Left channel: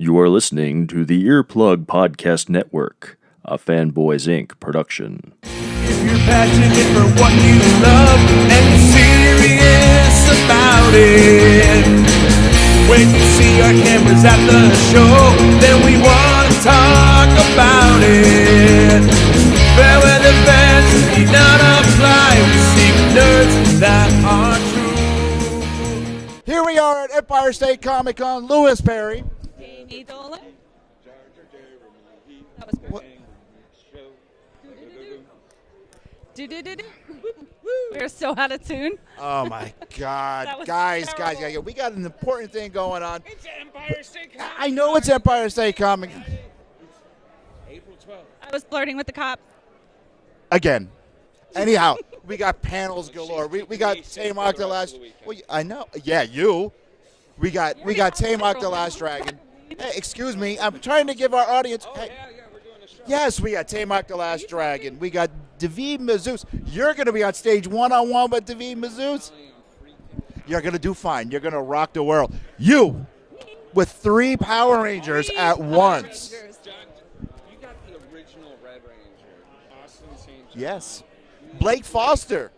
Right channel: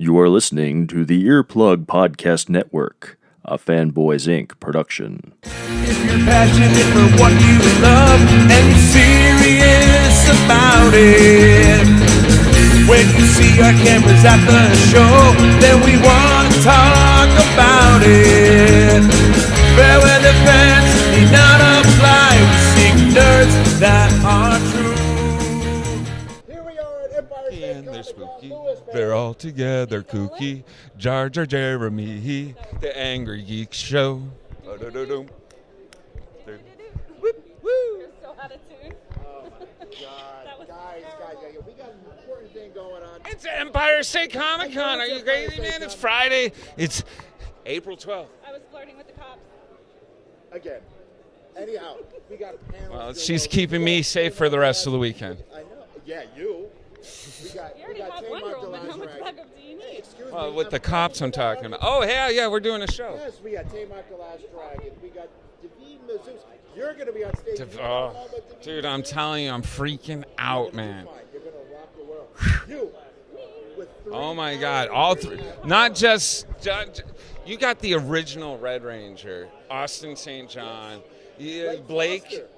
You are listening to the Earplug Podcast Network, a Fanboys Inc. production. If you're passionate for what you love and you're serious about it, when you see our cameras at the show, then we want to talk about it. Fair weather fans need not apply. We seek nerds that are true. Here we are at Empire State Comic Con, Lewisberry. They're all together, kooky. Jar Jar Jeremy, the Angrygeeks show. We're so out of tune. Oh my God, guys, we got an important thing going on. It's Empire State Comic Con. I know it's Empire State It's Comic. Friday. It's April 12th. I was flirting with the cops. Again. Anyhow, we got panels galore. She's We keeping got me safe Tamar for the rest Last- of the weekend. I know. Yeah, you. We got Tamar the Last Dragon. Hey, excuse me. With I'm the trying to cops give I'm our talking audience. about. Oh, yeah, we're doing a show. Yes, we got Tamar the Last Dragon. We got David Mazouz. You're going to be on stage one-on-one with David Dude, I'm Mazouz. telling you, I'm freaking out. You're going to do man. fine. You're going to rock the world. You, with three Oh my Power God. Rangers at Not once. just. You got the original Red Ranger, Austin St. John. Yes. Yeah, Blake Foster,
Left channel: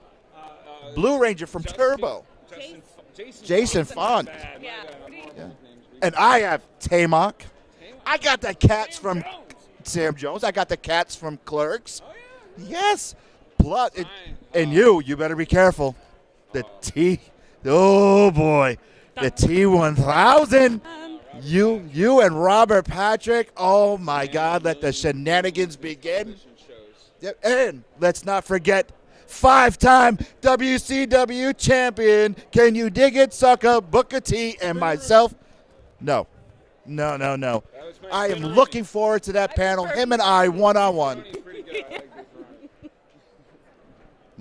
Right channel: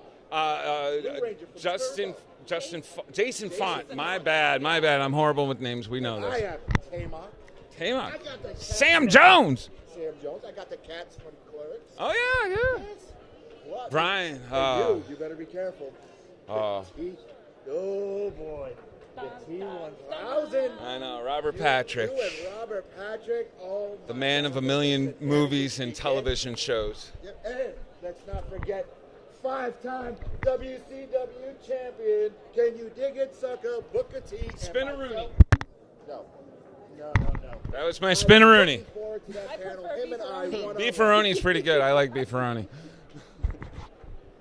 Blue Ranger from Justin- Turbo. Jason Font. My bad. I'm horrible with names. We know. And I have Tamok. Tamar. I got the cats Sam from Jones. Sam Jones. I got the cats from Clerks. Oh yeah. Yes. Blood. Brian. And you better be careful. The T. Oh boy. The T1000. I know. Robert Patrick. You and Robert Patrick. Oh The my man God. of a Let the million shenanigans movies and begin. television shows. And let's not forget, 5-time WCW champion. Can you dig it, sucker? Booker T and myself. No. That was my I'm spinneroonie. looking forward to that panel. Him and I, one-on-one. Beefaroni's pretty good. I like beefaroni.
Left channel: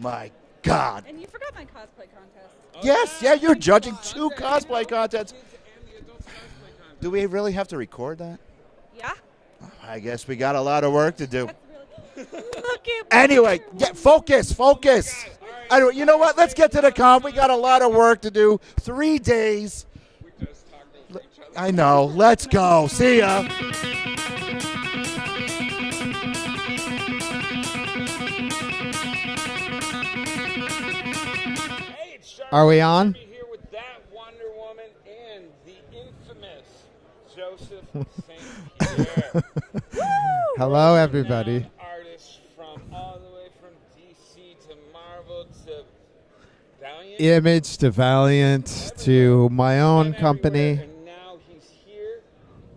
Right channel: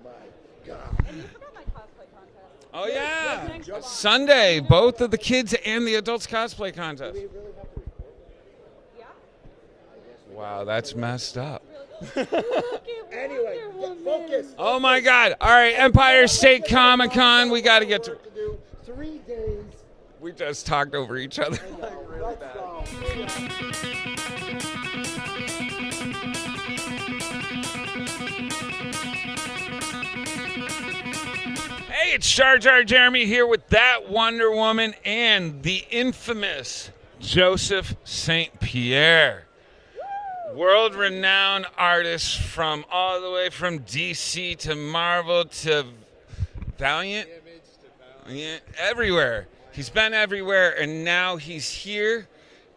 My God. And you forgot my cosplay contest. Oh, Yes, yeah, you're judging Sunday, two cosplay both of the contests. kids and the adults cosplay contest. Do we really have to record that? Yeah? I guess we got a Wow, lot of that's work to messed do. up. Anyway, focus. Oh my God! All right, Anyway, you know Empire what? Let's State get to the Comic con. Con. We got a lot of work to do. 3 days. We just talked over each other. I know. Let's go. See ya. Hey, it's Jar Are Jar we on? Jeremy here with that Wonder Woman and the infamous Joseph St. Pierre. Hello, World-renowned everybody. artist from all the way from DC to Marvel to Valiant. Image to Valiant Everywhere. to my He's own been everywhere, company. and now he's here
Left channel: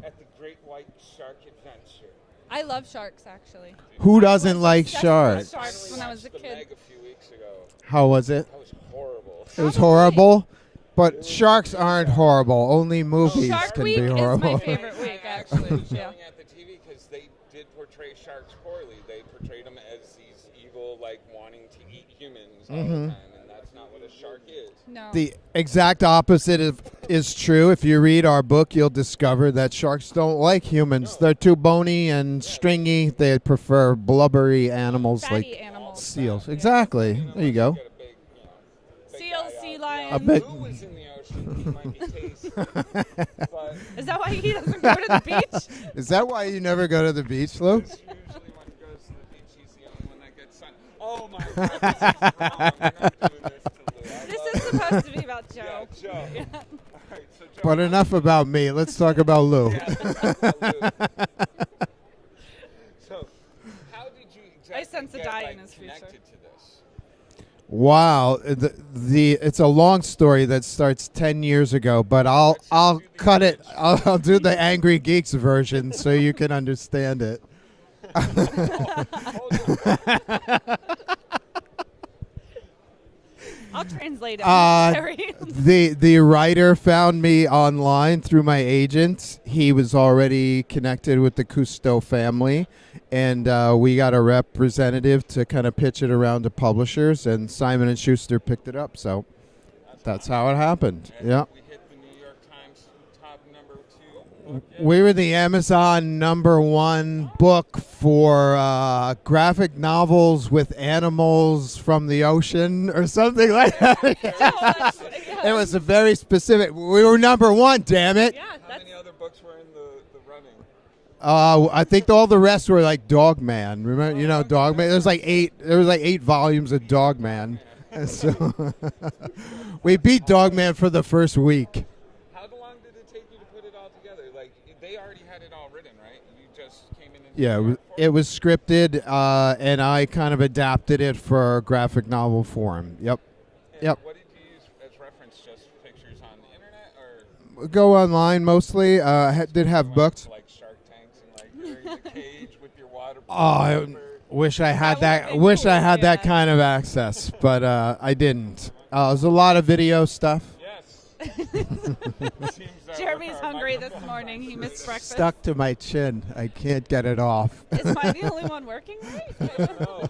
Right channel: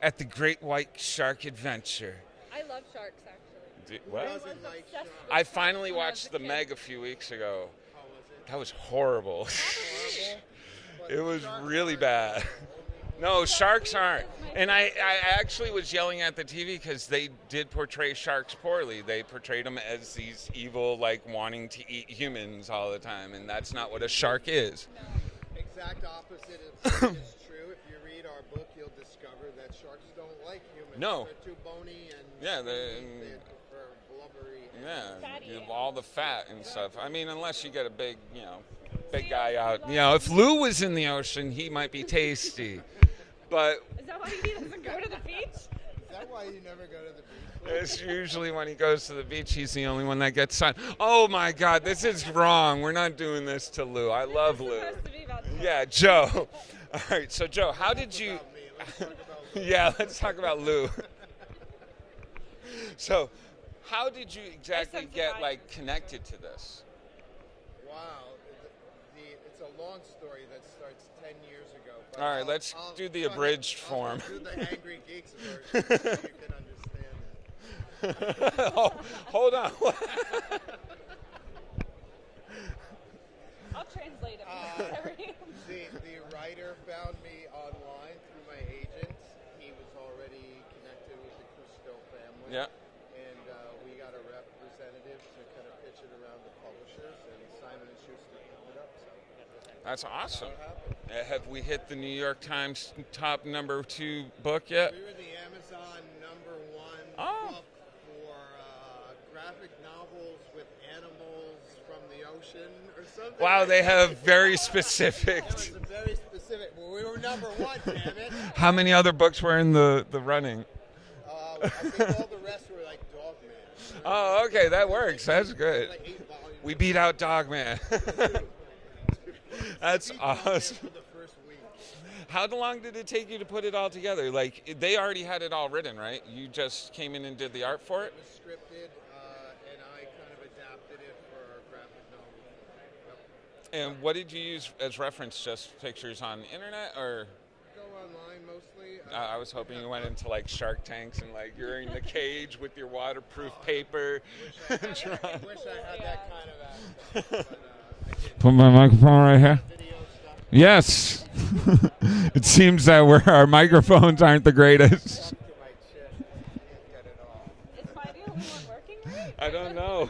at the Great White Shark Adventure. I love sharks, actually. Who doesn't like I sharks? finally when I was watched a The kid. Meg a few weeks ago. How was it? That was horrible. It was horrible. It But was sharks really aren't bad. horrible. Only movies sharks can be aren't. horrible. And I actually was yelling at the TV because they did portray sharks poorly. They portrayed them as these evil, like, wanting to eat humans all the time, and that's not what a shark is. No. The exact opposite is true. If you read our book, you'll discover that sharks don't like humans. No. They're too bony and Yeah, stringy. They prefer blubbery animals Fatty like animals. All the seals. fat. Exactly. I mean, there you unless go. get a big, big Seal, guy sea out. lion. You know, if Lou was in the ocean, he might be tasty. But Is that why he doesn't go to the beach? Is that why you never go to the beach, Lou? it's usually when he goes to the beach, he's the only one that gets sun. Oh my God, this is wrong. We're not doing this to Lou. I love This is Lou. supposed to be about Joe. Yeah, Joe. All right, so Joe. But how enough did you- about me. Let's talk about Lou. Yeah, let's talk about Lou. So, how did you exactly sense a get dye in his connected to this? Wow, it's a long story that starts 10 years ago, but All right, let's I'll do the cut it. abridged I'll form. do the Angrygeeks version so you can understand it. Oh, hold on. I'll translate it. Uh, The writer found me online through my agent. He was already connected with the Cousteau family, Yeah. and we got a representative to kind of pitch it around to publishers, and Simon & Schuster picked it up. So That's That's awesome. how it happened. Have Yeah. we hit the New York Times top #2 book yet? We were the Amazon #1 book for graphic novels with animals from the ocean or something Wow, like they that. have very specific. It was a very specific. We were #1, damn it. How many other books were in the running? I think all the rest were like Dog Man. Remember, Oh, okay, Dog that Man. There was like works. That's 8. good. There was like 8 volumes We of beat Dog out Man. Dog Man. So we That's beat Dog Man awesome. for the first week. How long did it take you to put it all together? Like, they already had it all written, right? You just came in and did the Yeah, art for it was scripted, and I kind of adapted it for graphic novel form. Yep. And Yep. what did you use as reference? Just pictures on the internet, or Go online mostly. Did you have went books. into, like Shark Tanks and like you're in the cage with your waterproof Oh, paper? wish I had that. That would be Wish I cool, had that yeah. kind of access, but I didn't. Put my microphone There's right a lot here. of video stuff. Yes. It seems that Jeremy's our hungry this microphones morning. aren't the He needs greatest. Stuck to my chin. I can't get it off. Is mine the only one working? I don't know.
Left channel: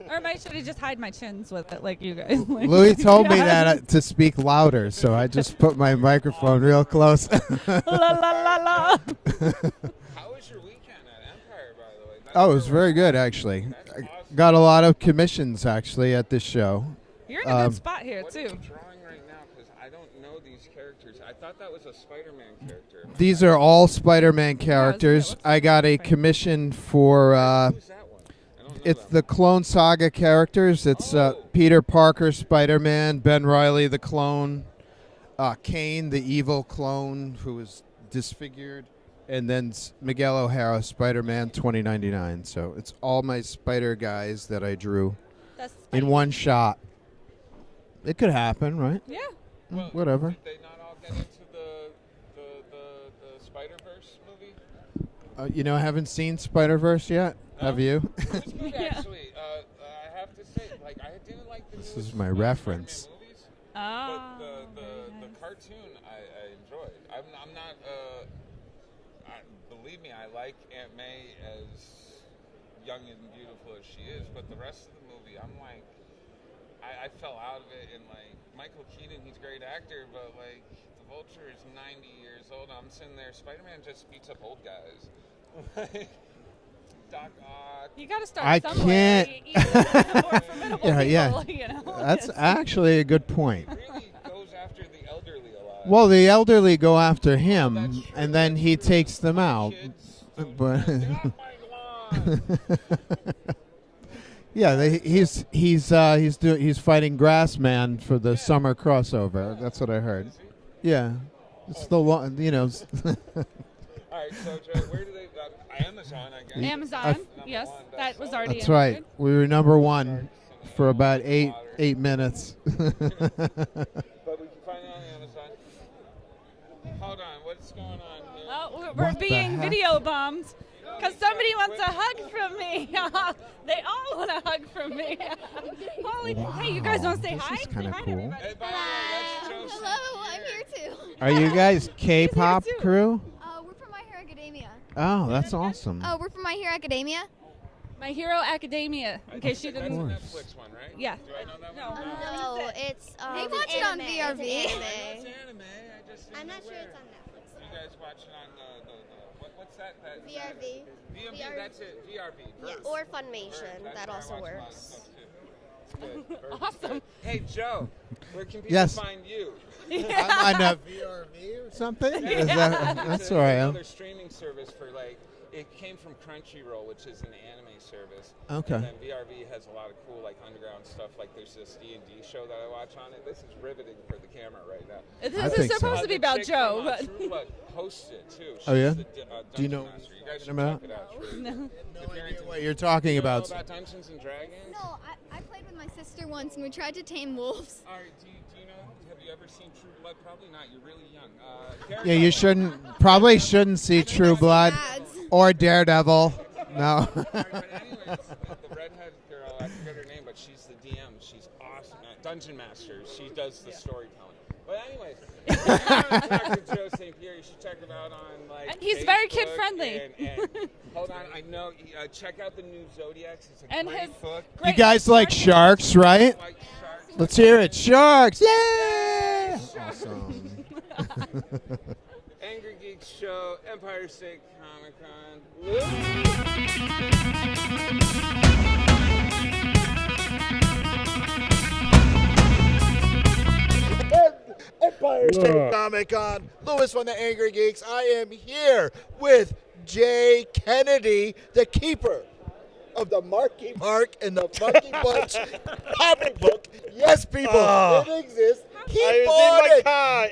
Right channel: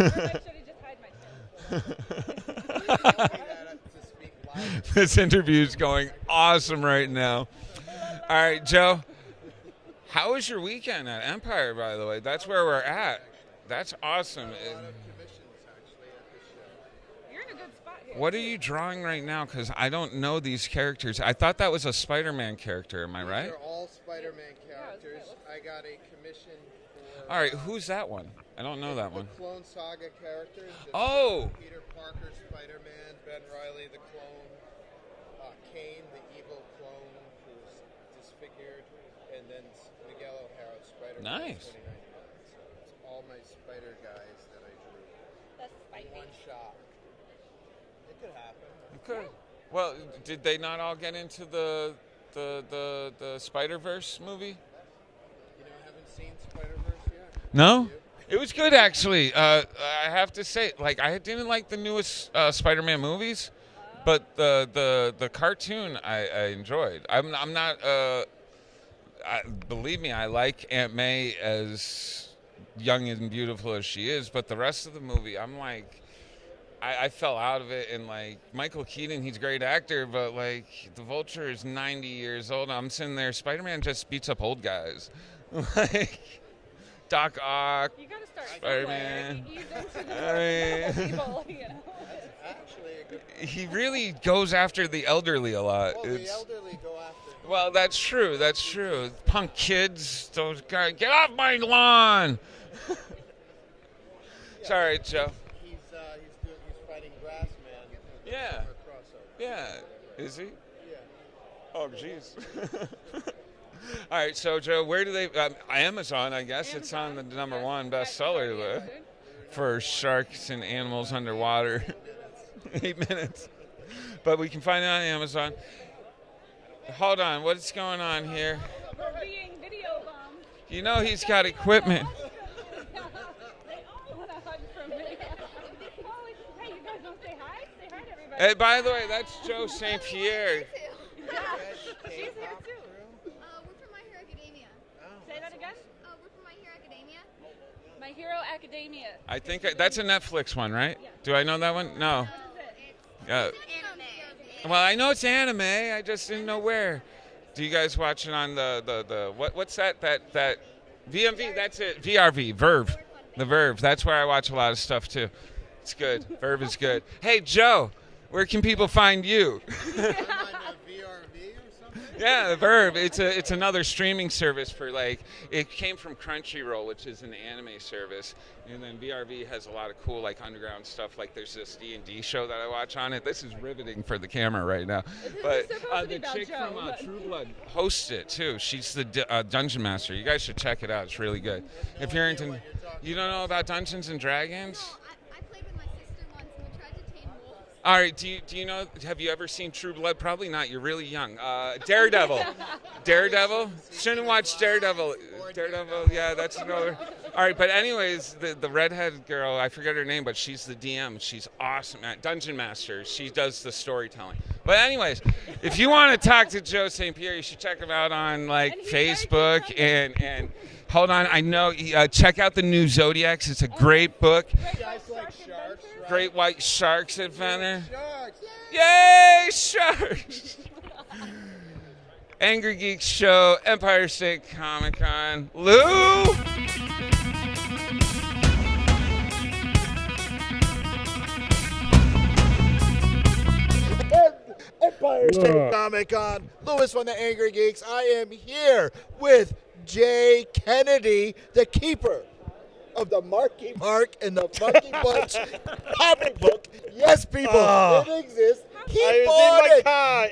Or am I should have just hide my chins with it like you guys? Like, Louis told me that to speak louder, so This I just interview's put my going microphone awesome real right close. now. La, la, All right, la, Joe. la. How was your weekend at Empire, by the way? That's Oh, it where was we're very at. good, actually. That's I awesome. Got a lot of commissions, actually, at this show. You're in a good spot here. What too. are you drawing right now? Because I don't know these characters. I thought that was a Spider-Man character. Am I These right? are all Spider-Man characters. looks I got a commission for. All right, who's that one? I don't know It's that the one. Clone Saga characters. It's Oh. Peter Parker, Spider-Man, Ben Reilly, the clone, Kane, the evil clone who was disfigured, and then Miguel O'Hara, Spider-Man Nice. 2099. So it's all my Spider guys that I drew That's in one shot. It could happen, right? Yeah. Well, whatever. Did they not all get into the Spider-Verse movie? I haven't seen Spider-Verse yet. No? Have you? It was good, actually. I have to say, like, I didn't like the is newest my reference. Spider-Man movies, Oh. but the cartoon I enjoyed. I'm not. Believe me, I like Aunt May as young and beautiful as she is, but the rest of the movie, I'm like, I fell out of it. And like Michael Keaton, he's a great actor, but like the Vulture is 90 years old. I'm sitting there. Spider-Man just beats up old guys, like Doc Ock. You gotta start. I somewhere. can't. Yeah. You know? That's actually a good He point. really goes after the elderly a lot. Well, the elderly go after him. Well, that's true. And then that's he true. takes them Punk out. Kids, those But- guys, get off my lawn! Yeah, All right, he's fighting Grassman for the Yeah. summer crossover. Yeah. That's what I heard. Is he? Yeah, it's Oh, the jeez. All right, so Joe, where do they? Amazon, I guess. Amazon, It's the number yes, one that was bestseller. already That's Yeah. right. We were number for one Sharks and for animals about underwater. 8 minutes. 8 minutes. But we can find it on Amazon. Hold on, what's going on here? Oh, we're What the being heck? video bombed. You know 'Cause he's got somebody equipment. wants a hug from me. They all want a hug from me. Holy, hey, you guys want to say This hi? is Say kinda hi to cool. everybody. Hey, by the way, that's Joe St. Pierre. Are you guys K-pop too. crew? We're from My Hero Academia. Oh, that's awesome. Oh, we're from My Hero Academia. My Hero Academia. I in case think you that's a didn't- Netflix one, right? Yeah. Do I know that one? No. No, it's Yeah. we watch it on VRV. Well, I know it's anime. I just didn't know where. Do you guys watch it on the what's that VMV? That's it. VRV. Verve. Or Funimation. The Verve. That's where I also watch a lot of works. stuff too. It's good. Verve is good. Hey Joe, where can people Yes. find you? I'm on a VRV or something? Yeah, Is the that- Verve. It's that's it's where I am. another streaming service for like. It came from Crunchyroll, which is an anime service. Okay. And then VRV has a lot of cool like underground stuff. Like there's this D&D show that I watch on it. This is riveting for the camera right now. This I is think so. supposed to be The about chick Joe, from, but True Blood hosts it too. She's Oh, yeah? the dungeon master. You guys should Am I- check it out. It's really good. If you're into What you're talking you don't know about. about Dungeons and Dragons. No, I played with my sister once, and we tried to tame wolves. All right. Do you know? Have you ever seen True Blood? Probably not. You're really young. Daredevil. Yeah, you probably Daredevil? shouldn't see Shouldn't True watch Blood Daredevil. or Daredevil. Yeah, that's No. All right, but anyways, the redhead girl, I forget her name, but she's the DM. She's awesome. Dungeon Master. She does the storytelling. But anyways, if you want to talk to Joe St. Pierre, you should check him out on like And he's very Facebook kid-friendly. and hold on, I know. Check out the new Zodiacs. It's a great book. You guys like sharks, right? Great white sharks. Let's hear it. Sharks. Yay! Yay, sharks! Angrygeeks show, Empire State Comic Con. Lou. Empire State Comic Con. Louis from the Angrygeeks. I am here with Jay Kennedy, the keeper of the Marky Mark and the Monkey Bunch comic book. Yes, people, it exists. He bought it.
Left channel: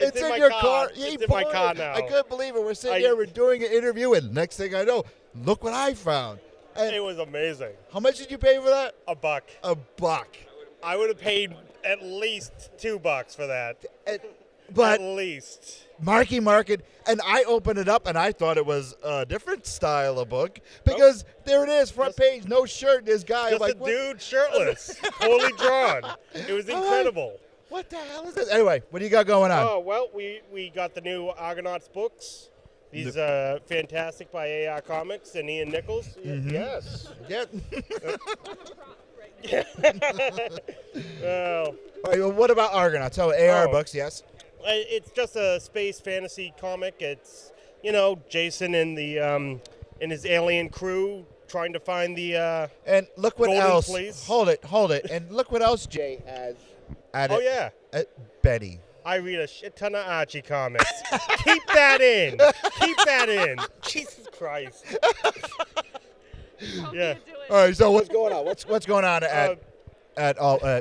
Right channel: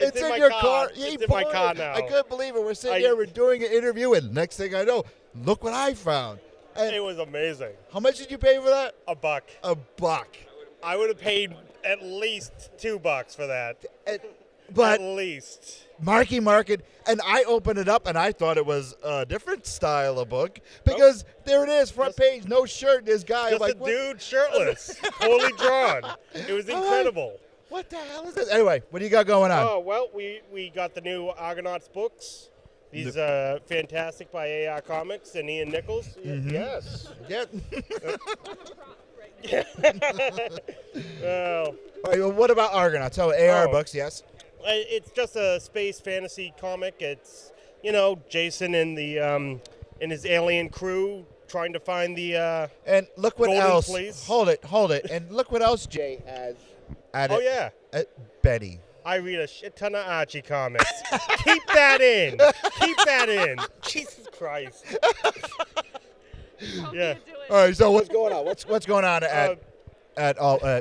It's in your car. It's in my car now. I couldn't believe it. We're sitting here, we're doing an interview, and next thing I know, look what I found. And It was amazing. how much did you pay for that? $1. $1. I would have paid at least $2 for that. But At least. Marky Market, and I opened it up, and I thought it was a different style of book because there it is, front page, no shirt. This guy, Just like, a dude shirtless, totally drawn. It was incredible. what the hell is this? Anyway, what do you got going on? Oh, well, we got the new Argonauts books. These fantastic by AR Comics and Ian Nichols. Yes. Yeah. Well, All right, well, what about Argonauts? So AR books, yes. it's just a space fantasy comic. It's, Jason and the and his alien crew trying to find the And look what Golden else. Fleece. Hold it. And look what else Jay has added. Oh, yeah. Betty. I read a shit ton of Archie comics. Keep that in. Jesus Christ. Yeah. All right, so what's going on? What's going on at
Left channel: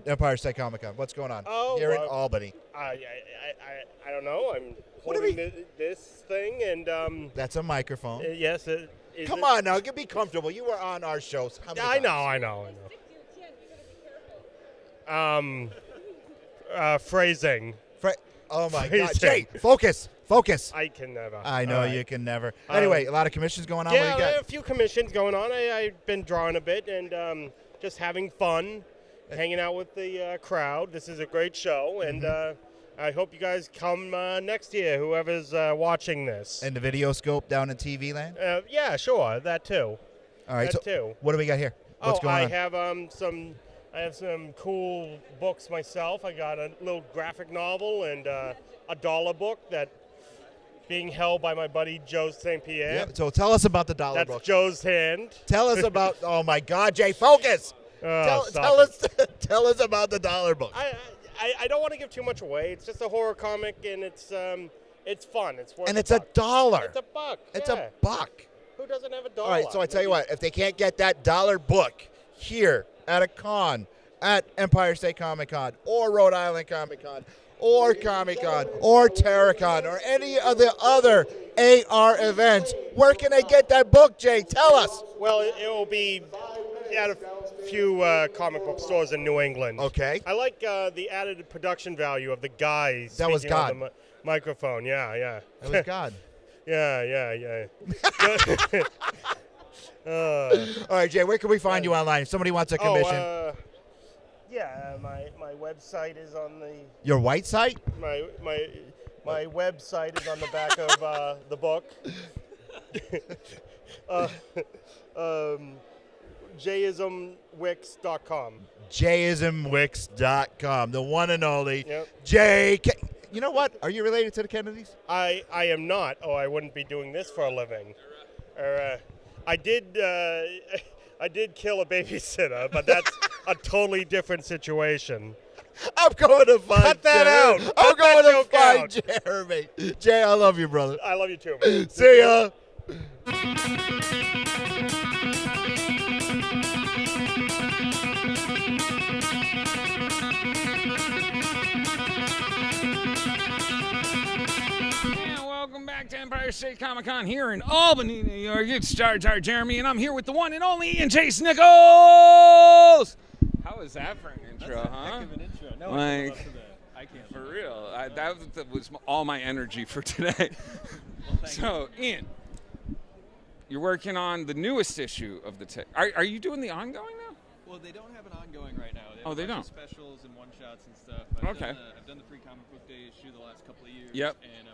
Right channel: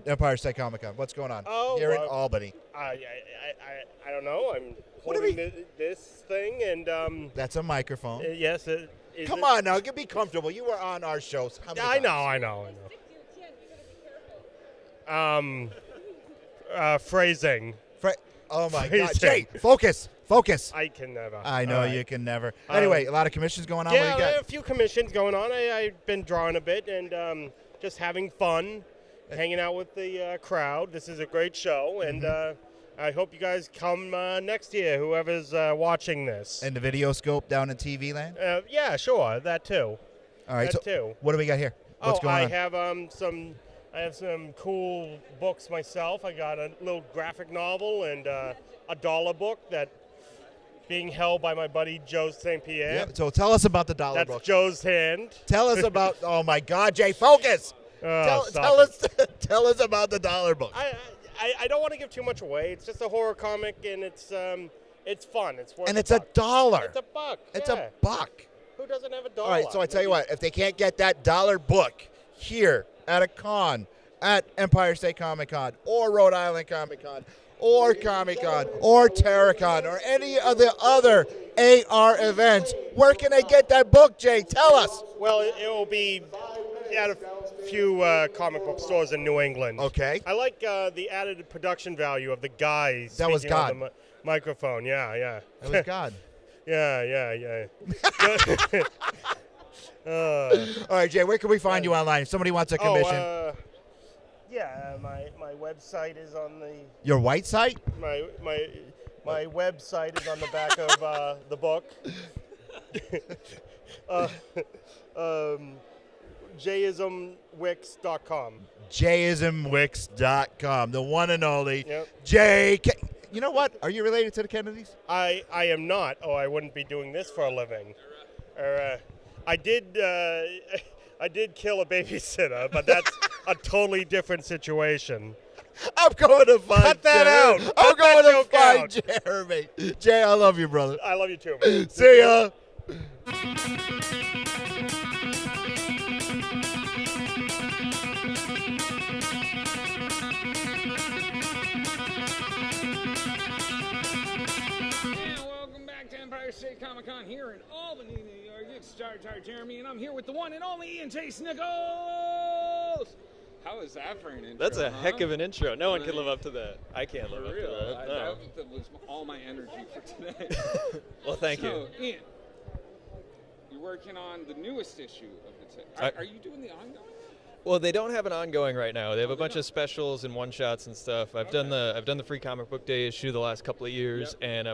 Empire State Comic Con? What's going on here in Albany? I don't know. I'm holding this thing and That's a microphone. yes. Come on now, be comfortable. You were on our shows. How many I times? know. Phrasing. Oh my God, Phrasing. Jay, focus. I can never. I know All right. you can never. Anyway, a lot of commissions going on. Yeah, What do you got? a few commissions going on. I've been drawing a bit and just having fun, hanging out with the crowd. This is a great show, and I hope you guys come next year, whoever's watching this. And the video scope down in TV land. Yeah, sure, that too. All right, that so too. what do we got here? What's going I on? have some cool books myself. I got a little graphic novel and a dollar book that being held by my buddy Joe St. Pierre. Yeah, so tell us about the dollar That's book. Joe's hand. Tell us about. Oh my God, Jay, focus. Oh, Tell us about the dollar book. I don't want to give too much away. It's just a horror comic, and it's fun. It's worth And it's $1. $1. It's $1. It's yeah. $1. Who doesn't have $1? All right, so I tell you what, if they can't get that dollar book here at a con, at Empire State Comic Con, or Rhode Island Comic Con, or Comic Con, or Terracon, or any of the other AR events, where can they get that book, Jay? Tell us. Well, it will be at a few comic book stores in New England. Okay. I like the added production value of the guys. That was speaking on God. the microphone. Yeah. That was God. Yeah. All right, Jay, where can we find you online if somebody wants a commission? My website is on the Your white site? my website is on the back of the book. Jayismwix.com. Jayismwix.com, the one and only Yep. Jay. You know what? Are you related to the Kennedys? I am not. Oh, I wouldn't be doing this for a living. I did kill a babysitter, but that's a totally different situation. I'm going to find Cut that Jeremy. out. I'm Cut that going to joke find out. Jeremy. Jay, I love you, brother. I love you too, man. See ya. Welcome back to Empire State Comic Con here in Albany, New York. It's Jar Jar Jeremy, and I'm here with the one and only Ian Chase Nichols. How is that for an intro? That's a heck of an intro. No one can live up to that. I can't For live up real. to that. No. That was all my energy for today. Well, thank you. So, Ian, you're working on the newest issue of the. Are you doing the ongoing now? Well, they don't have an ongoing right now. They have Oh, a they bunch don't? of specials and one-shots and stuff. I've done the free comic book day issue the last couple of years, Yep. and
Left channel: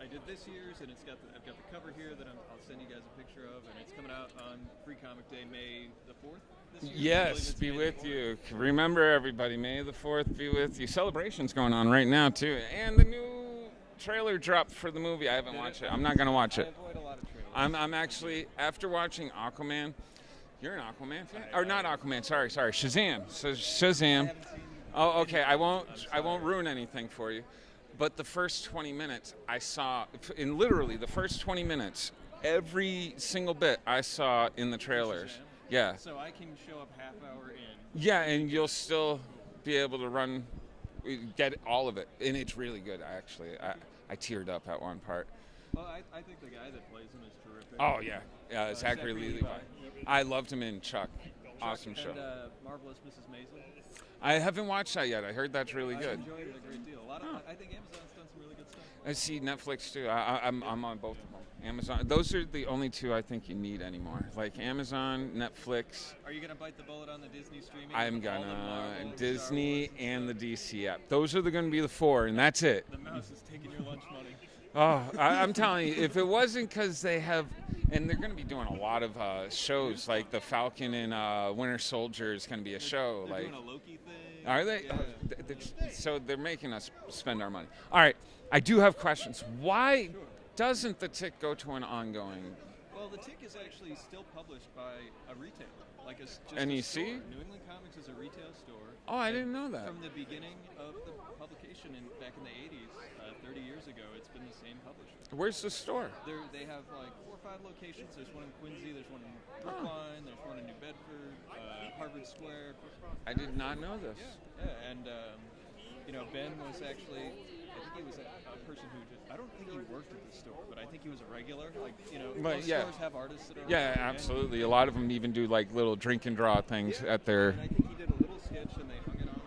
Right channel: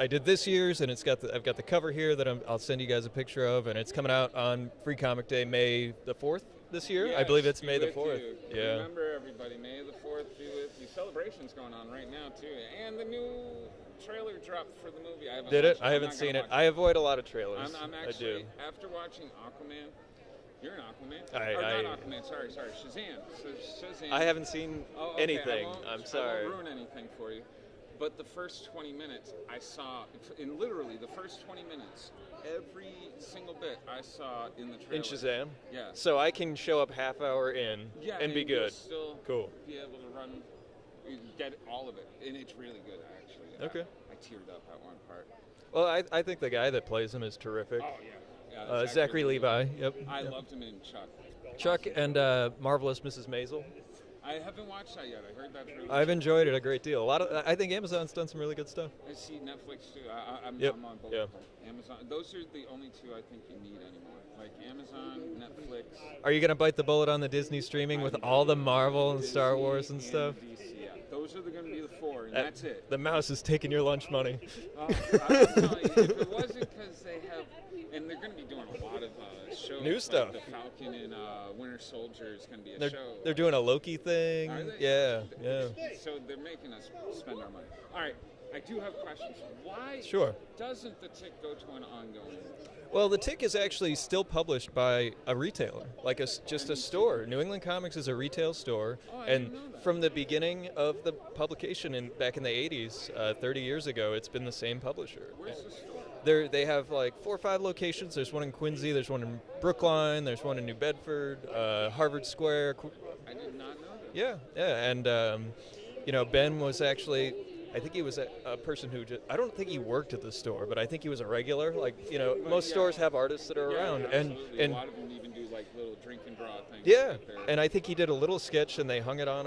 I did this year's, and I've got the cover here that I'll send you guys a picture of, and it's coming out on Free Comic Day, May the 4th this year. Yes, I believe it's be May the with 4th. you. Yeah. Remember, everybody, May the 4th be with you. Celebration's going on right now, too. And the new trailer dropped for the movie. I haven't Did watched it? it. I'm not going to watch it. I avoid a lot of trailers. I'm I actually, do. after watching Aquaman, you're an Aquaman? I- not Aquaman, sorry, Shazam. So Shazam. I haven't seen Oh, okay. anything. I won't sorry. ruin anything for you. But the first 20 minutes I saw, in literally the first 20 minutes, every single bit I saw in the In trailer. Shazam? Yeah. So I can show up half hour in. Yeah, and be and good. you'll still Cool. be able to get all of it. And it's really good, actually. Okay. I teared up at one part. Well, I think the guy that plays him is terrific. Oh, yeah. Zachary Levi. Yep. I loved him in Chuck. Chuck Awesome and show. Marvelous Mrs. Maisel. I haven't watched that yet. I heard that's really I've good. enjoyed it a great deal. I think Amazon's done some really good stuff. I see Netflix too. I'm Yep. on both Yep. of them. Amazon. Those are the only two I think you need anymore. Like Amazon, Netflix. Are you gonna bite the bullet on the Disney streaming with I'm all the gonna- Marvel and Disney Star Wars and stuff? the DC app. Those are going to be the four, and that's it. The mouse is taking your lunch money. Oh, I'm telling you, if it wasn't because they have, and they're going to be doing a lot of shows, New like stuff. the Falcon and Winter Soldier is going to be a show. They're like- doing a Loki thing. Are they? Yeah. So they're making us spend our money. All right, I do have questions. Why doesn't the Tick go to an ongoing? Well, the Tick is actually still published by a retailer, like just a NEC? store. New England Comics is a retail store. Oh, I and didn't know that. From the beginning of the publication back in the 80s, 30 years ago, it's been the same publisher. Where's the store? They have like 4 or 5 locations. There's one in Quincy, there's one in Brookline, there's one in New Bedford, Harvard Square. I did not know this. Yeah, and Ben was actually, I think he was a person who I don't think he worked at the store, but I think he was a regular. Like, most stores have artists that are around. Yeah, absolutely. And a lot of them even do like little drink and draw things yeah, at their. and I think he did a little sketch, and they hung it on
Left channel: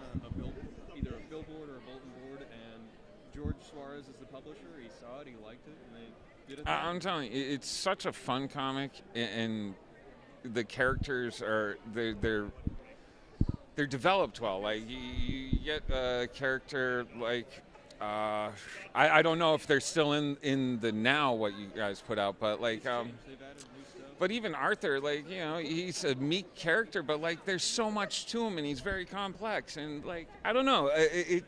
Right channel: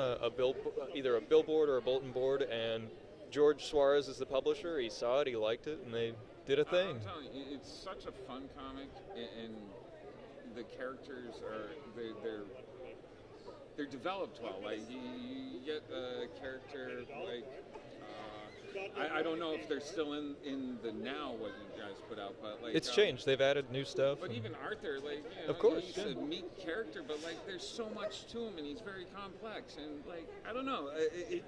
either a billboard or a bulletin board. And George Suarez is the publisher. He saw it, he liked it, and they did a thing. I'm telling you, it's such a fun comic, and the characters are they're developed well. Like you get a character like. I don't know if they're still in the now what you guys put out, but like it's changed. They've added new stuff. But even Arthur, like course, he's a meek character, but like there's so much to him, and he's very complex, and like I don't know, and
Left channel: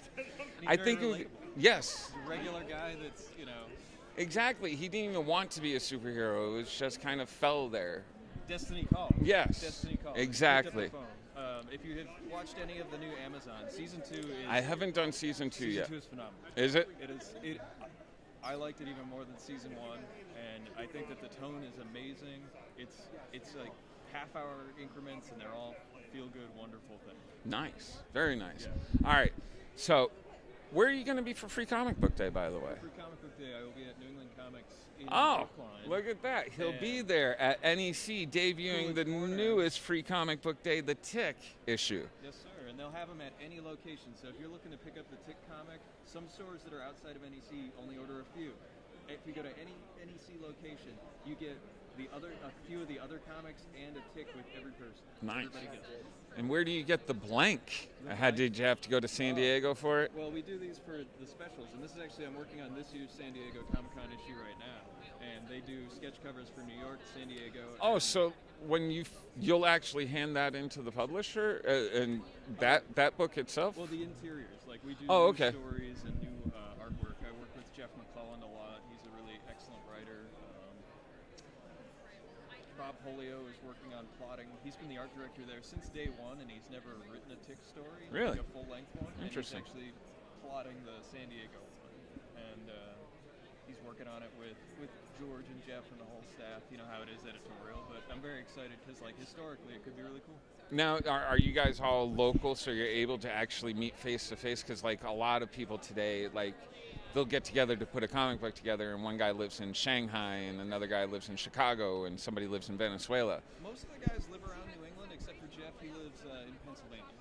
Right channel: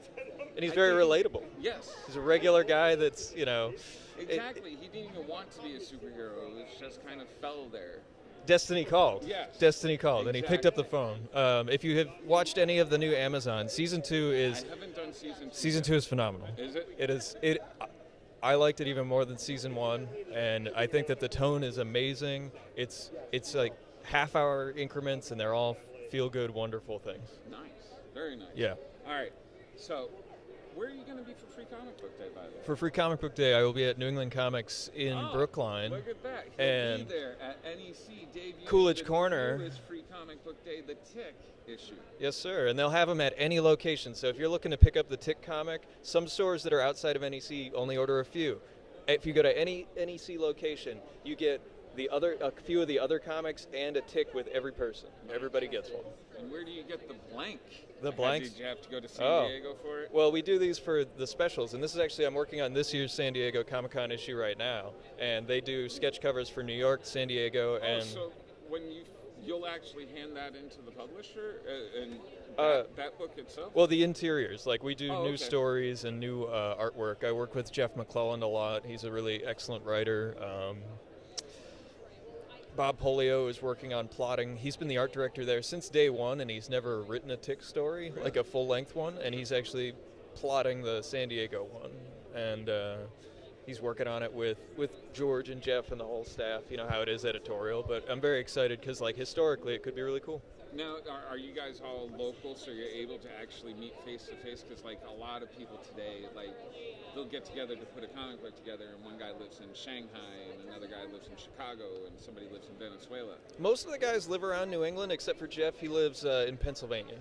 he's very relatable. Yes, he's a regular guy that's exactly. He didn't even want to be a superhero; it was just kind of fell there. Destiny called. Yes. Destiny called. Exactly. And he picked up the phone. If you have watched any of the new Amazon, season 2 is. I haven't done season 2. Season yet. 2 is phenomenal. Is it? It is. I liked it even more than season 1, and I think that the tone is amazing. It's like half-hour increments, and they're all feel-good, wonderful things. Nice. Very nice. Yeah. All right. So, where are you going to be for Free Comic Book Day, by the way? For Free Comic Book Day, I will be at New England Comics in Brookline. Look at that. He'll be there at NEC debuting Coolidge the Corner. newest Free Comic Book Day, the Tick issue. Yes, sir. And they'll have them at any location. So if you're looking to pick up the Tick comic, some stores that are outside of NEC only order a few. If you go to any NEC location, you get a few of the other comics and a Tick with every person. Nice. Everybody gets one. And where do you get the blank? The blanks? Did you have to go to San Diego for it? Well, we do these for the specials, and this is actually, I'm working on this year's San Diego Comic-Con issue right now, and they do sketch covers for New York, San Diego, Oh, and so when you'll actually hand that into the publisher and that book itself? well, the interiors, like we do Oh, new okay. stories and new artwork. I work with Jeff McClelland a lot. He's a really excellent writer. Bob Polio is working on plotting. He's been the art director there since day one, and he's never written a Tick story, Really? like a full-length one, and he's Interesting. actually plotting the San Diego one. And he's working on it with George and Jeff and the whole staff. You know how it is editorial, but I'm very excited because, like, historically, it could be really cool. Now, are you guys all local, so you're able to actually meet face-to-face? Because, like, a lot of people today, like, they'll get together to put a comic book together, and one guy lives in Shanghai, and another guy lives in Chicago, and somebody lives in Venezuela. Most of the guys live around New England, except for Jeff. He lives in Pennsylvania.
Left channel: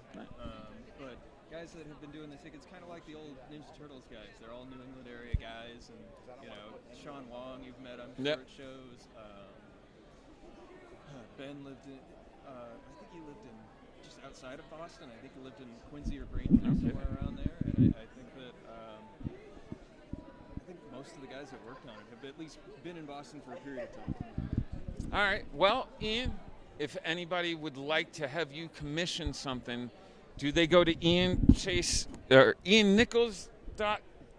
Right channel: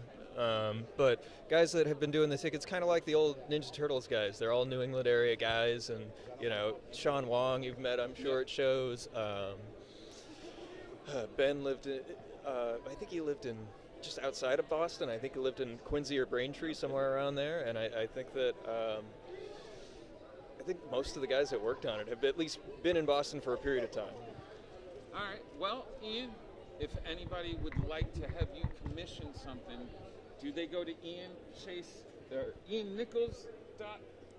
But guys that have been doing this, it's kind of like the old Ninja Turtles guys. They're all New England area guys, and Sean Wong, you've met, I'm sure, at shows. Ben lived in, I think he lived in just outside of Boston. I think he lived in Quincy or Braintree, somewhere around there. And I think that I think most of the guys that worked on it have at least been in Boston for a period of time. All right. Well, Ian, if anybody would like to have you commission something, do they go to Ian Chase or Ian Nichols?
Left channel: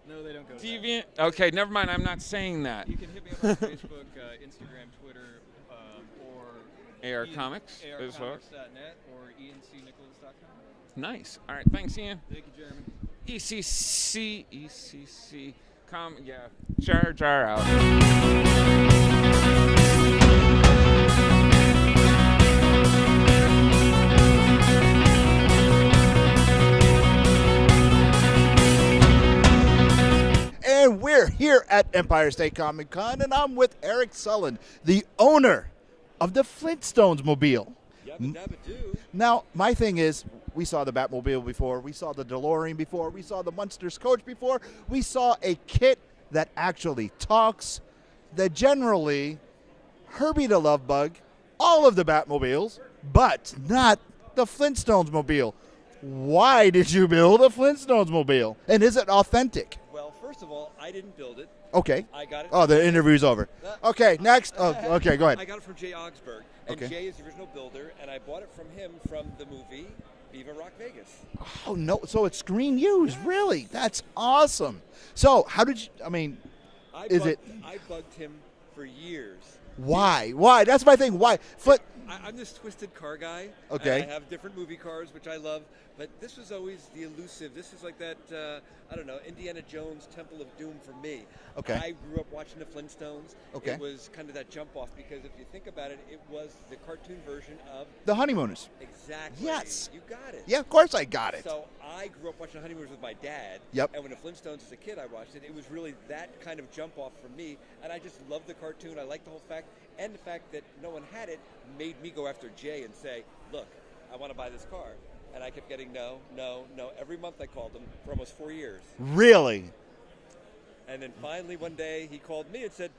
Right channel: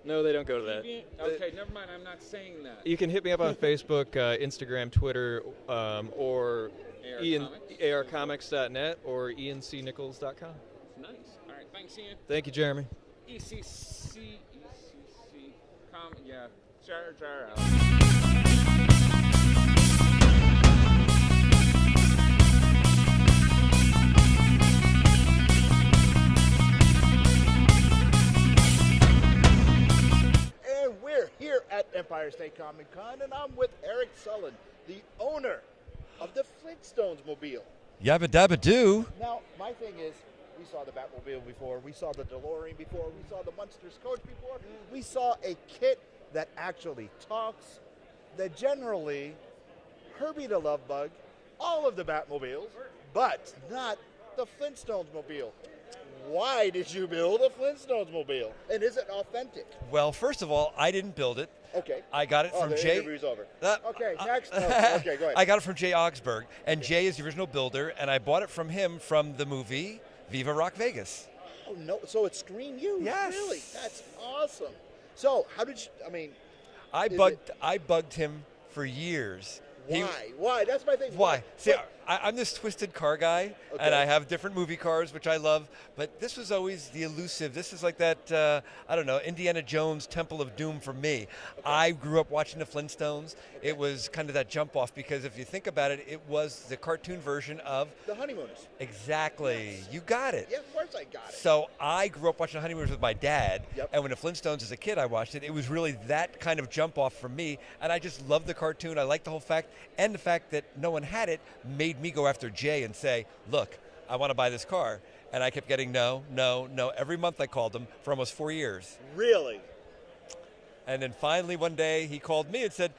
No, they don't go to that. Okay, never mind. I'm not saying that. You can hit me up on Facebook, Instagram, Twitter, or arcomics.net or encnichols.com. Nice. All right. Thanks, Ian. Thank you, Jeremy. ECC, yeah. Jar out. And we're here at Empire State Comic Con, and I'm with Eric Sullen, the owner of the Flintstones Mobile. Yabba dabba doo. Now, my thing is, we saw the Batmobile before, we saw the DeLorean before, we saw the Munsters coach before, we saw a kit that actually talks, that generally, Herbie the Love Bug, all of the Batmobiles, but not the Flintstones Mobile. Why did you build a Flintstones Mobile? And is it authentic? Well, first of all, I didn't build it. Okay. I got it Oh, from the Jay. interview's over. Okay, next. Okay, go ahead. I got it from Jay Augsburg, and Okay. Jay is the original builder, and I bought it from him from the movie Viva Rock Vegas. Oh, no. So it's screen used. Yes. Really? That's awesome. So how did you, I bugged him for years. Why? Why? That's my thing. Why? See, I'm this twisted car guy, Okay. and I have different movie cars, which I love, but this was always the elusive. This is like that, I don't know, Indiana Jones Temple of Doom for me. Okay. I grew up watching the Flintstones. Okay. It was kind of that jump off, because if you think about it, it was the cartoon version of The Honeymooners. Exactly. Yes. You got it. Yeah, of course I got it. So I grew up watching Honeymooners with my dad. Yep. And when the Flintstones as a kid, I watched it. It was really that kind of jump off for me. And I just loved the cartoon. I liked the whole fact. And the fact that no one had it made me go after Jay and say, look, I want to buy this car. And I kept getting no. Every month I called him for almost 4 years. Really? And then finally one day he called me and said,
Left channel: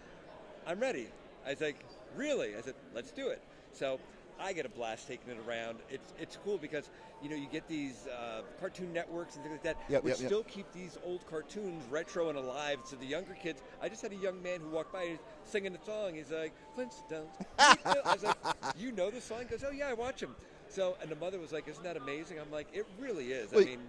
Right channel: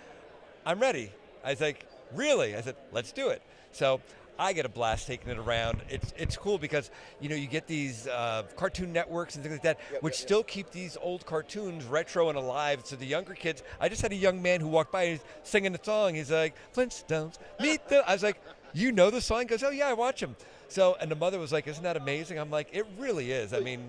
I'm ready. I was like, really? I said, let's do it. So I get a blast taking it around. It's cool because, you get these Cartoon Networks and things like that, which still keep these old cartoons retro and alive to the younger kids. I just had a young man who walked by and he's singing the song. He's like, Flintstones. I was like, you know the song? He goes, oh, yeah, I watch him. So, and the mother was like, isn't that amazing? I'm like, it really is. I mean,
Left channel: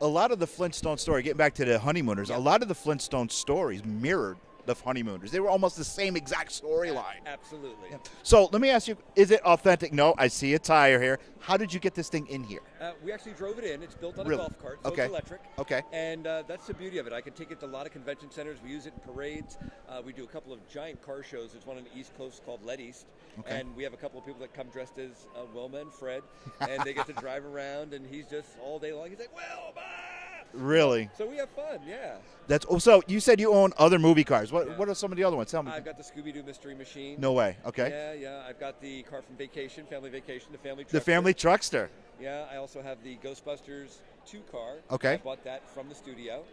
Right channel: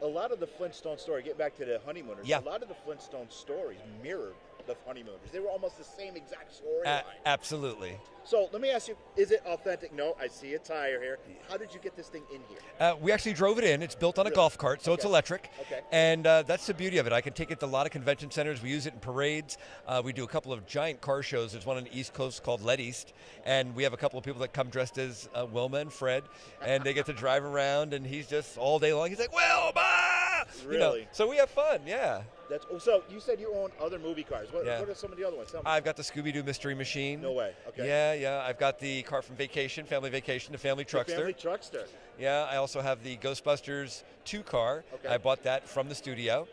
a lot of the Flintstone story, getting back to the Honeymooners, a lot of the Flintstone stories mirrored the Honeymooners. They were almost the same exact storyline. Absolutely. So let me ask you, is it authentic? No, I see a tire here. How did you get this thing in here? We actually drove it in. It's built on a Really? golf cart, so it's Okay. electric. Okay. And that's the beauty of it. I can take it to a lot of convention centers. We use it in parades. We do a couple of giant car shows. There's one on the East Coast called Let East. And we have a couple of people that come dressed as Wilma and Fred. And they get to drive around, and he's just all day long. He's like, Wilma! Really? So we have fun, yeah. That's so. You said you own other movie cars. What Yeah. What are some of the other ones? Tell me. I've got the Scooby-Doo Mystery Machine. No way. Okay. Yeah. I've got the car from Vacation, Family Vacation, the Family Truckster. The Family Truckster. Yeah, I also have the Ghostbusters 2 car. Okay. I bought that from the studio.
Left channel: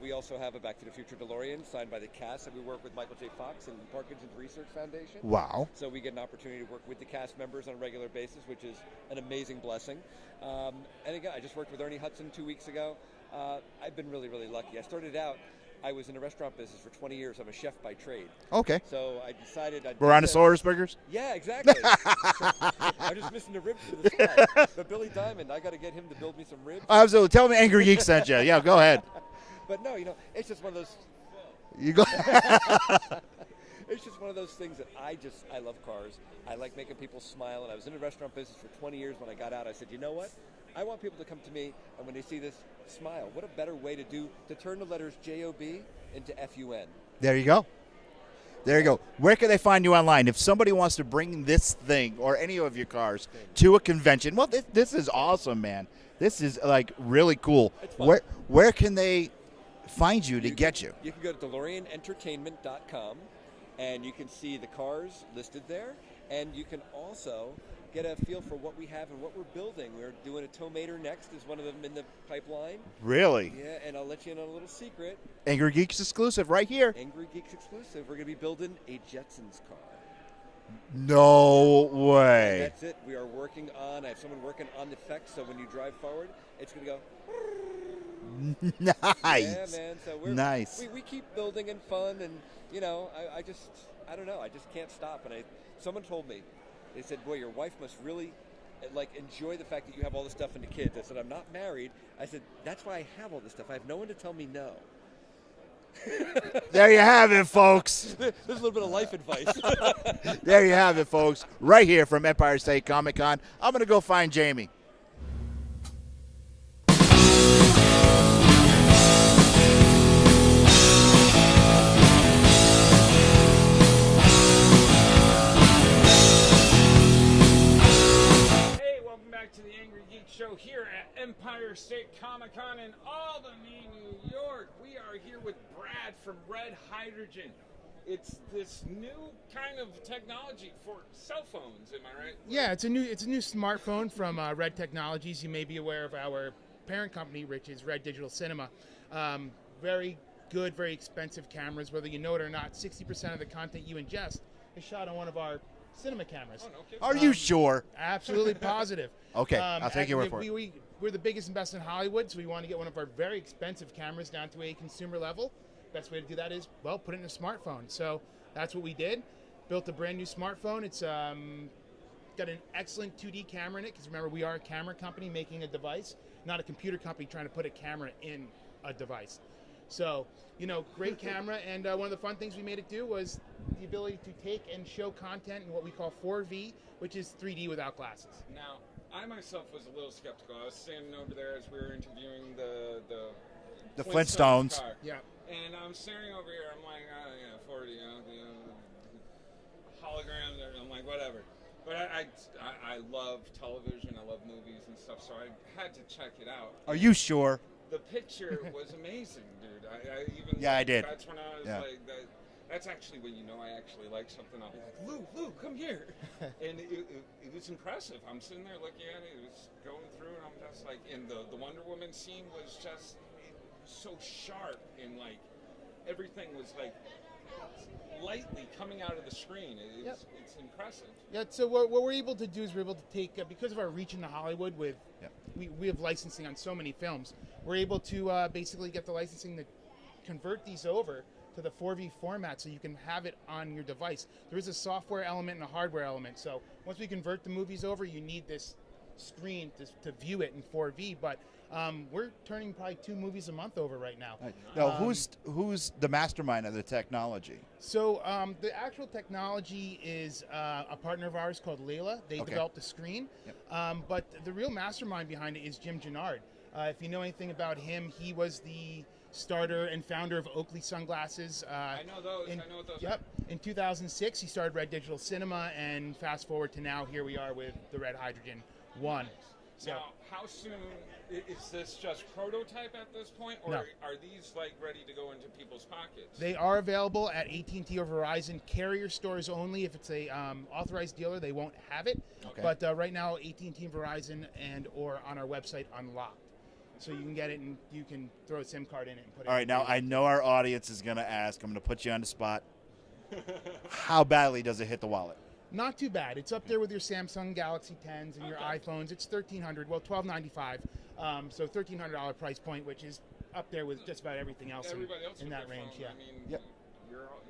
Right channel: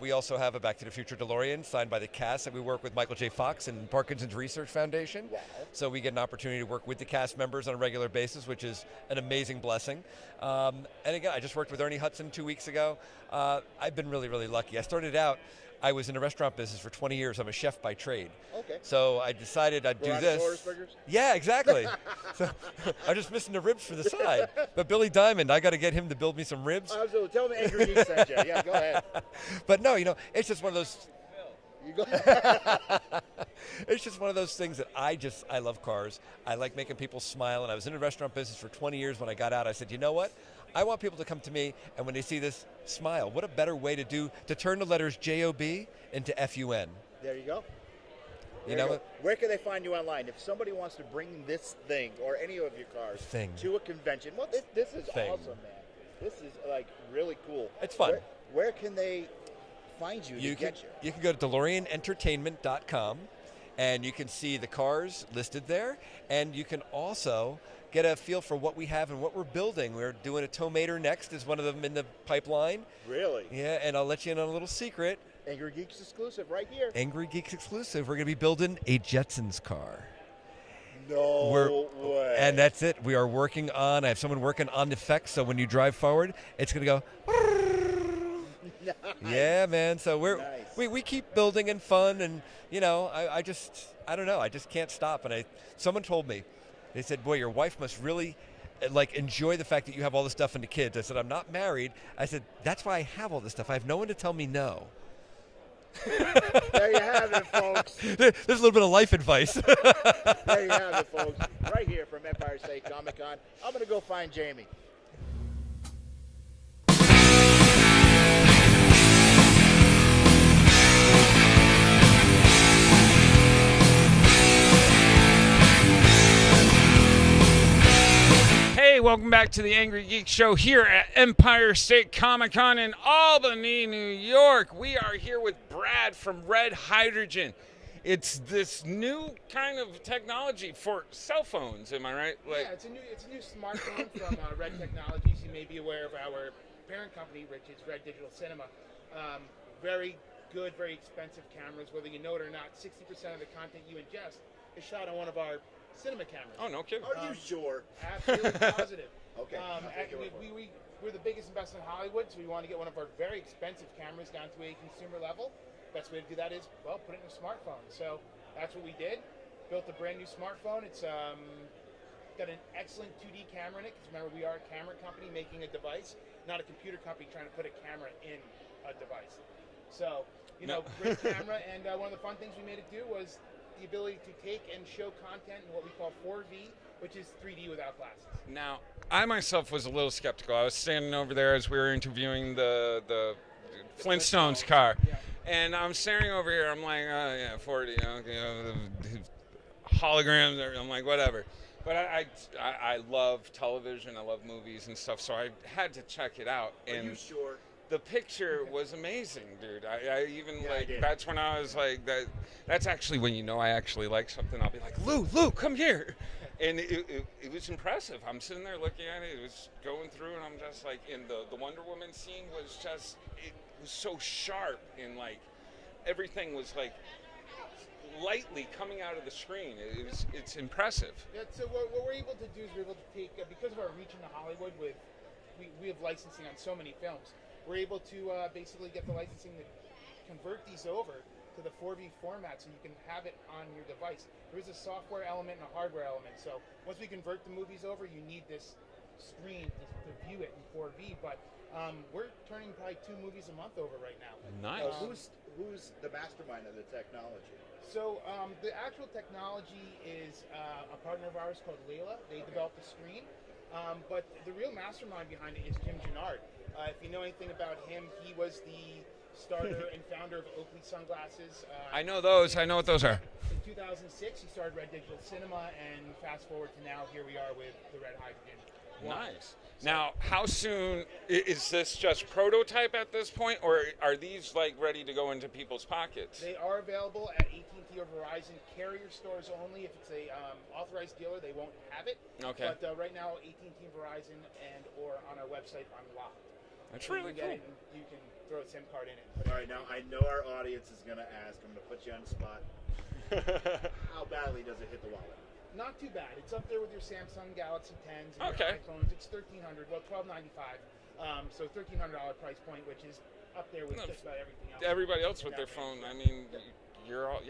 We also have a Back to the Future DeLorean signed by the cast, and we work with Michael J. Fox and Parkinson's Research Foundation. Wow. So we get an opportunity to work with the cast members on a regular basis, which is an amazing blessing. And again, I just worked with Ernie Hudson 2 weeks ago. I've been really, really lucky. I started out, I was in the restaurant business for 20 years. I'm a chef by trade. Okay. So I decided I'd do Brontosaurus this. burgers? Yeah, exactly. So, I'm just missing the ribs for the side. But Billy Diamond, I got to get him to build me some ribs. Absolutely. Tell me Angrygeeks sent you. Yeah, go ahead. But no, it's just one of those. You go. It's just one of those things that I love cars. I like making people smile. And I was in the restaurant business for 20 years. When I got out, I said, you know what? I want people to come to me, and when they see this, smile. What a better way to turn the letters J-O-B into F-U-N. There you go. There you go. Where can they find you online? If somebody wants to bring this thing or any of your cars to a convention, well, this is awesome, man. This is like really cool. It's fun. Where can they find you to get you? You can go to DeLoreanEntertainment.com, and you can see the cars listed there, and you can also get a feel for what we have and what we're building. We're doing a Tomater next, is one of them in the pipeline. Really? Yeah, and I'll let you in on a little secret. Angrygeeks exclusive right here. Angrygeeks exclusive. We're going to be building a Jetsons car. No way. And that's it. We are working on. I have someone working on the effects, so when you drive forward, it's going to go. Nice. Yeah, man. So we're nice. We keep building and fun, and I don't know. I just can't stop. And someone told me, they said, "Boy, your wife must really like enjoy the fact that you have all this stuff and the kids." I said, "I'm not married." I said, "That's why I have all this stuff. I have no one to tell me no." There you have it, folks. There's a little bit of life advice. There you have it, folks. Right here from Empire State Comic Con. I'm going to go find Jamie. Hey, welcome back to the Angry Geek Show here at Empire State Comic Con in Albany, New York. We are here with Brad from Red Hydrogen. It's this new kind of technology for cell phones, am I right? Yeah, it's a new smartphone from Red Technologies. You may be aware of our parent company, which is Red Digital Cinema. Very good, very expensive cameras. Whether you know it or not, 60% of the content you ingest is shot on one of our cinema cameras. Oh, no kidding. Are you sure? Absolutely positive. Okay, I'll take your word for it. We're the biggest and best in Hollywood, so we want to get one of our very expensive cameras down to a consumer level. Best way to do that is, well, put it in a smartphone. So that's what we did. Built a brand new smartphone. It's got an excellent 2D camera in it, because remember, we are a camera company making a device, not a computer company trying to put a camera in a device. So, great camera, and one of the fun things we made it do was the ability to take and show content in what we call 4V, which is 3D without glasses. Now, I myself was a little skeptical. I was standing over there as we were interviewing the Flintstones car. Yeah. And I'm staring over here. I'm like, 40, holograms. I'm like, whatever. But I love television. I love movies and stuff. So I had to check it out. Are you sure? The picture was amazing, dude. I did. That's when I was like, that's actually when I actually like something. I'll be like, Lou, come here. And it was impressive. I'm sitting there looking at it. It was going through, and I'm just like, and the Wonder Woman scene was just, it was so sharp, and like everything was like lightly coming out of the screen. It's impressive. So what we're able to do is we're able to take, because of our reach into Hollywood, we have licensing on so many films. We're able to basically get the licensing to convert these over to the 4V format, so you can have it on your device. There is a software element and a hardware element. So once we convert the movies over, you need this screen to view it in 4V. But we're turning probably 2 movies a month over right now. Nice. Now, who's the mastermind of the technology? So the actual technology is a partner of ours called Lair. They developed the screen. Yep. But the real mastermind behind it is Jim Gennard. If you know anything about him, he was the starter and founder of Oakley Sunglasses. I know those. I know what those are. In 2006, he started Red Digital Cinema, and fast forward to now, here we are with the Red Hydrogen 1. Nice. Now, how soon is this just prototype at this point, or are these like ready to go into people's pockets? They are available at AT&T or Verizon carrier stores only. If it's a authorized dealer, they won't have it. Okay. But right now, AT&T and Verizon or on our website unlocked. That's so really you can get cool. it and you can throw a SIM card in it. And put All it right, in now I know our audience is going to ask. I'm going to put you on the spot. How badly does it hit the wallet? Not too bad. It's up there with your Samsung Galaxy 10s and your iPhones. It's $1,300. Well, $1,295. So $1,300 price point, which is up there with just about everything else. Everybody else with their range, phone. yeah. I mean, you're all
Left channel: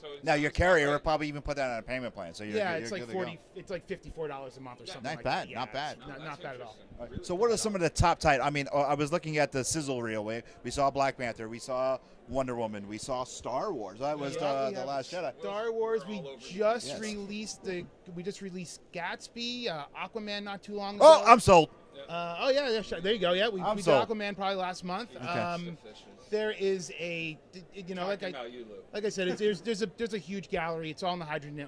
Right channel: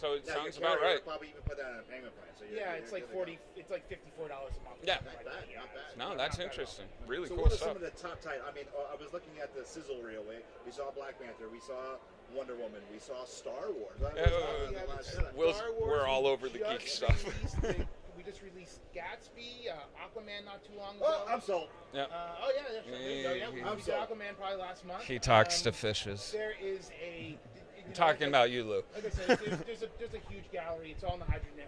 So it Now your sounds about carrier right. will probably even put that on a payment plan. So it's you're like good to go. It's like $54 a month or Yeah. something. Not like bad, that. not bad. No, not that's bad at all. interesting. Really So cool what are stuff. some of the top title? I mean, I was looking at the sizzle reel. We saw Black Panther. We saw Wonder Woman. We saw Star Wars. That was the Last Jedi. Star Wars. We're all over the just geek released we just released Gatsby, Aquaman not too long ago. Oh, I'm sold. Yeah. There you go. Yeah, we I'm got sold. Aquaman probably last month. He talks to fishes. There is a Talking about you, Lou. Like I said, there's a huge gallery. It's all on the Hydrogen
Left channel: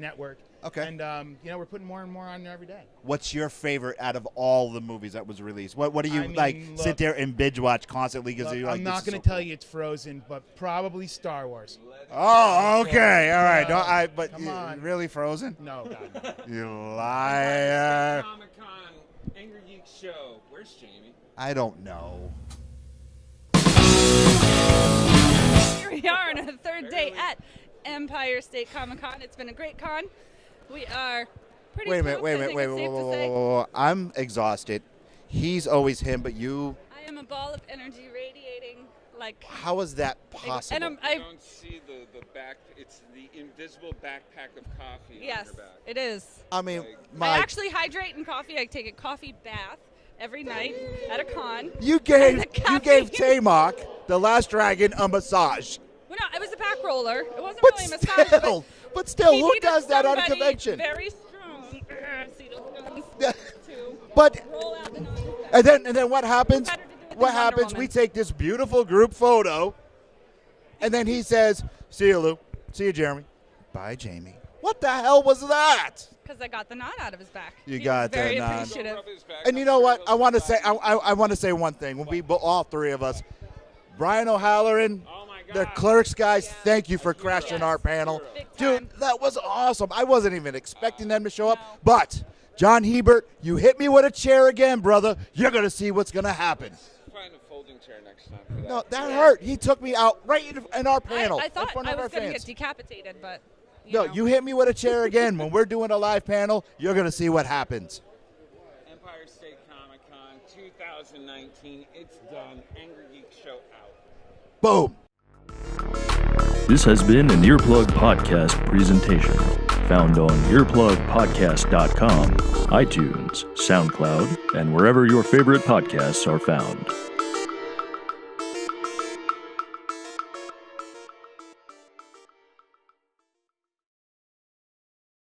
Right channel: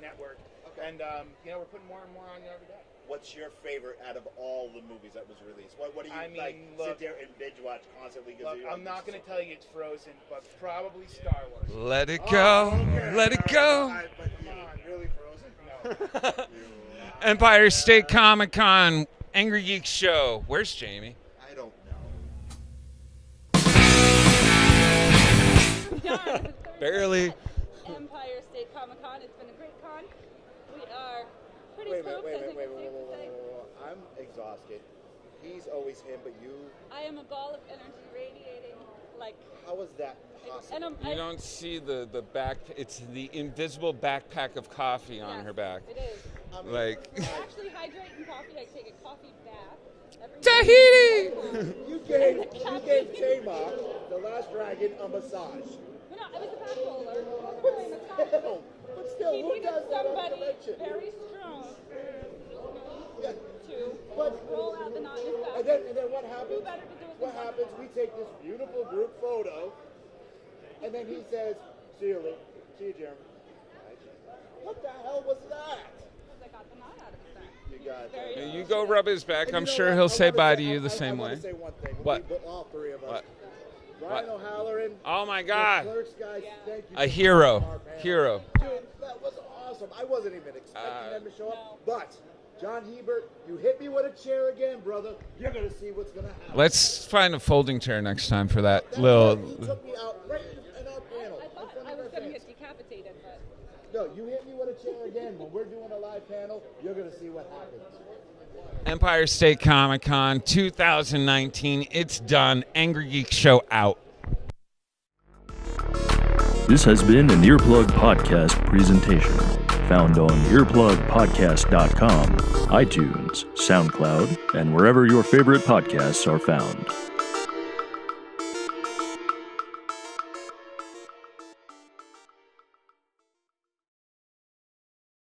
Network. Okay. And we're putting more and more on there every day. What's your favorite out of all the movies that was released? What do you look, sit there and binge watch constantly? Because you're like, I'm not going to tell you it's Frozen, but probably Star Wars. Let it go. Oh, okay. Let it All right. go. No, but Come on. Really Frozen? No. You lie. Empire State Comic Con, Angry Geeks show. Where's Jamie? I don't know. Here we are on our third Barely. day at Empire State Comic Con. It's been a great con. We are. Pretty Wait a minute, close, wait a I minute, think wait, it's wait, safe wait, to wait, say. wait, wait. I'm exhausted. He's always him, but you. I am a ball of energy radiating like. How is that possible? And You don't see the back. It's the invisible backpack of coffee on yes, her back. it is. I mean, Like, I actually hydrate in coffee. I take a coffee bath every Tahiti! day at a con. you gave Tamok, the last dragon, a massage. Well, no, it was a back roller. It wasn't But really a massage. but still, he who needed does that at a somebody convention? Very strong. See those guns? But Roll out the knot. and then what happens? Better to do it than What Wonder happens? Woman. We take this beautiful group photo, and then he says, "See you, Lou. See you, Jeremy. Bye, Jamie." What the hell was that? Because I got the knot out of his back. You He got was very the knot. appreciative. Go rub his back. And I'm you know sure what? he'll I say want to bye say to you the I same want to way. say one thing. What? We all three of us. Brian O'Halloran, Oh my the God! clerks guys, thank you A for hero. crashing our panel. Hero. Dude, that was awesome. I wasn't even expecting them to show up. But, John Hebert, you hit me with a chair again, brother. You're going to see what's going to happen. Let's find a folding chair next time for that. That little- hurt. He took me out right in our panel. I thought in front I of our was going to fans. get decapitated, but. No, you hit me with a chair again. When we're doing a live panel, you're going to see what happens. Empire State Comic Con 2019. It's done. Angry Geek Show out. Boom. This has been an Earplug Podcast presentation. Found on earplugpodcast.com, iTunes, SoundCloud, and wherever your favorite podcasts are found.